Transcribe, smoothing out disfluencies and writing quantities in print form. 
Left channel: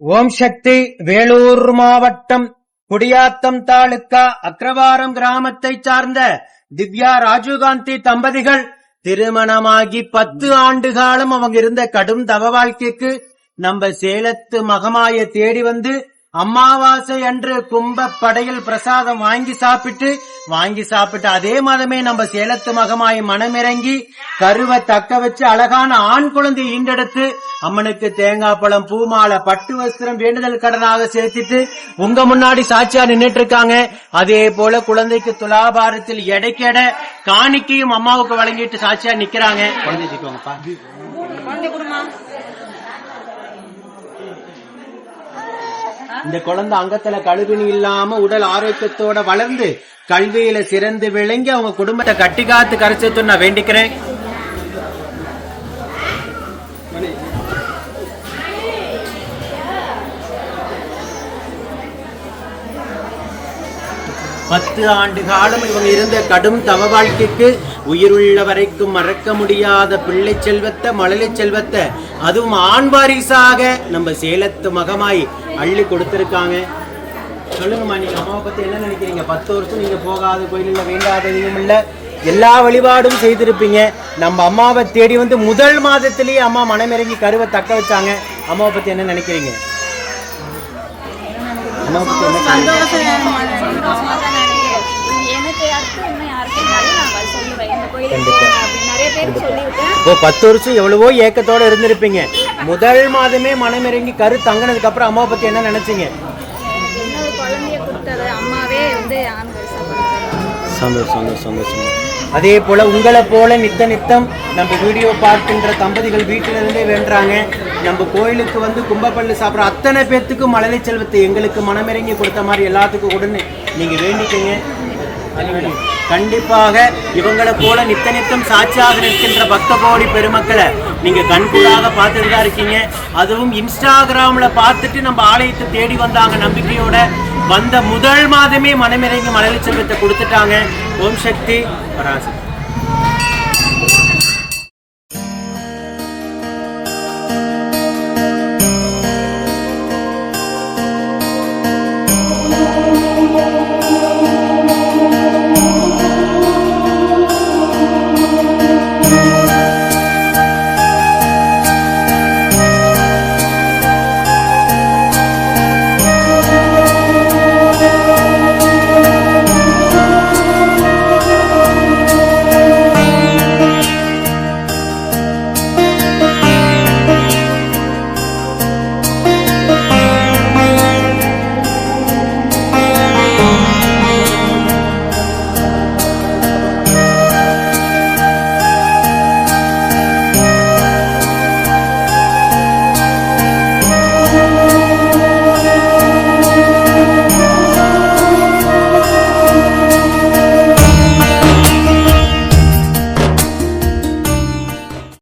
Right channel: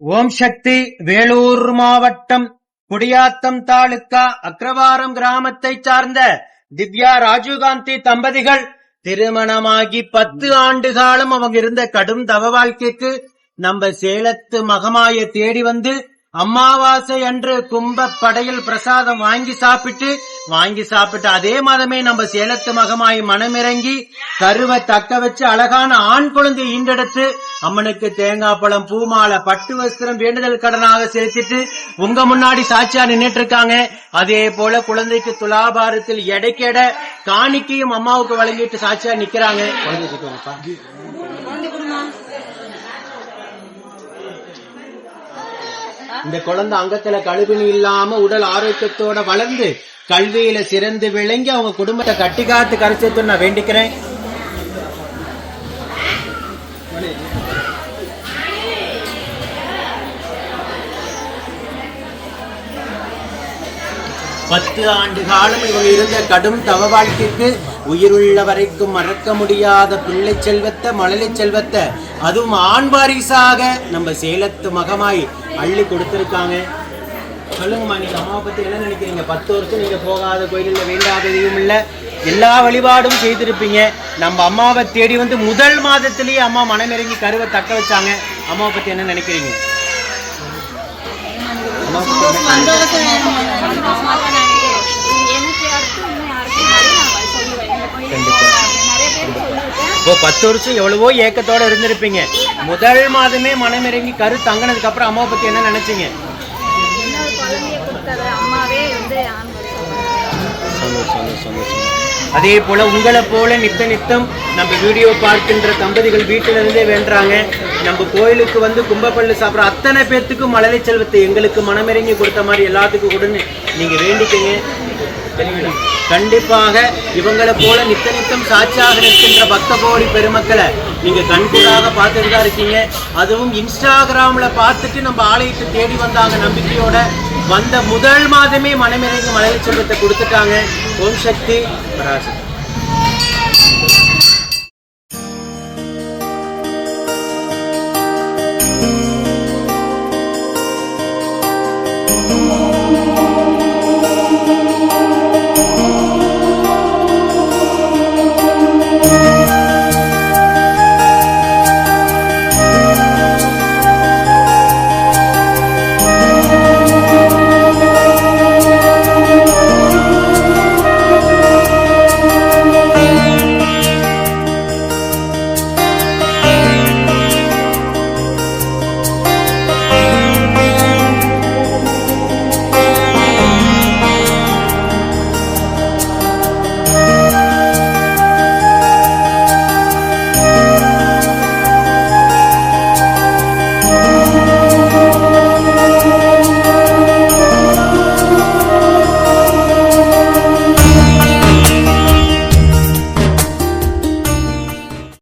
ஓம் சக்தி. வேலூர் மாவட்டம் குடியாத்தம் தாலுக்கா அக்ரவாரம் கிராமத்தை சார்ந்த திவ்யா ராஜீவ்காந்தி தம்பதிகள் திருமணமாகி 10 ஆண்டு காலம் அவங்க இருந்த கடும் தவ வாழ்க்கைக்கு நம்ம சேலத்து மகமாய தேடி வந்து அமாவாசை அன்று கும்ப படையில் பிரசாதம் வாங்கி சாப்பிட்டு அதே மாதமே நம்ம சேலத்து மகமாய் மனமிறங்கி கருவை தக்க வச்சு அழகான ஆண் குழந்தை ஈண்டெடுத்து அம்மனுக்கு தேங்காய் பழம் பூமாலை பட்டு வஸ்திரம் வேண்டுதல் கடனாக சேர்த்துட்டு உங்க முன்னாடி சாட்சியா நின்றுட்டு இருக்காங்க. அதே போல குழந்தைக்கு துலாபாரத்தில் எடைக்கெட காணிக்கையும் அம்மாவுக்கு வழங்கிட்டு சாட்சியா நிக்கிறாங்க. இந்த குழந்தை அங்கத்துல கழுவினி இல்லாம உடல் ஆரோக்கியத்தோட வளர்ந்து கல்வியில சிறந்து விளங்கி அவங்க குடும்பத்தை கட்டி காத்து கரைச்சது நான் வேண்டிக்கிறேன். பத்து ஆண்டு காலம் இவங்க இருந்த கடும் தவ வாழ்க்கைக்கு உயிருள்ள வரைக்கும் மறக்க முடியாத பிள்ளை செல்வத்தை மழலை செல்வத்தை அதுவும் ஆண் வாரிசாக நம்ம சேலத்து மகமாய் அள்ளி கொடுத்திருக்காங்க. சொல்லுங்கம்மா, நீங்க அம்மாவை பத்தி என்ன நினைக்கிறீங்க? 10 வருஷம் நீங்க போகாத கோயிலில் வேண்டாததையும் இல்ல, எல்லா வழிபாடும் செய்திருப்பீங்க. நம்ம அம்மாவை தேடி வந்து முதல் மாதத்திலேயே அம்மா மனமிறங்கி கருவை தக்க வச்சாங்க. அம்மாவை பத்தி என்ன நினைக்கிறீங்க? இப்போ 10 வருஷம் எவ்வளவோ ஏக்கத்தோட இருந்திருப்பீங்க. முதல் மாதமே மனமிறங்கி கரு தங்கினதுக்கு அப்புறம் அம்மாவை பத்தி என்ன நினைச்சீங்க? அதே போல உங்களை போல நித்தம் நம்ம வீடியோ பார்க்கின்ற தம்பதிகள் வீட்டிலிருந்தே வேண்டாங்க. நம்ம கோயிலுக்கு வந்து கும்பப்பள்ளி சாப்பிட்ற அத்தனை பேர்த்துக்கு மழலை செல்வத்தை எங்களுக்கு மனமிறங்கி கொடுத்த மாதிரி எல்லாத்துக்கும் கொடுன்னு நீங்க வேண்டிக்கங்க. கண்டிப்பாக இவங்களை போல நித்தம் சாட்சியாக நிற்கின்ற 10 கோடி பெருமக்களை நீங்க கண்கூடாக பார்த்துட்டு இருக்கீங்க. அதுவும் இன்ஸ்டாகிராம்ல பார்த்துட்டு நம்ம ஆலயத்தை தேடி வந்தாங்க. நம்பிக்கையோட வந்த முதல் மாதமே மனமிறங்கி மழலை செல்வத்தை கொடுத்துட்டாங்க. ஓம் சக்தி பராசக்தி.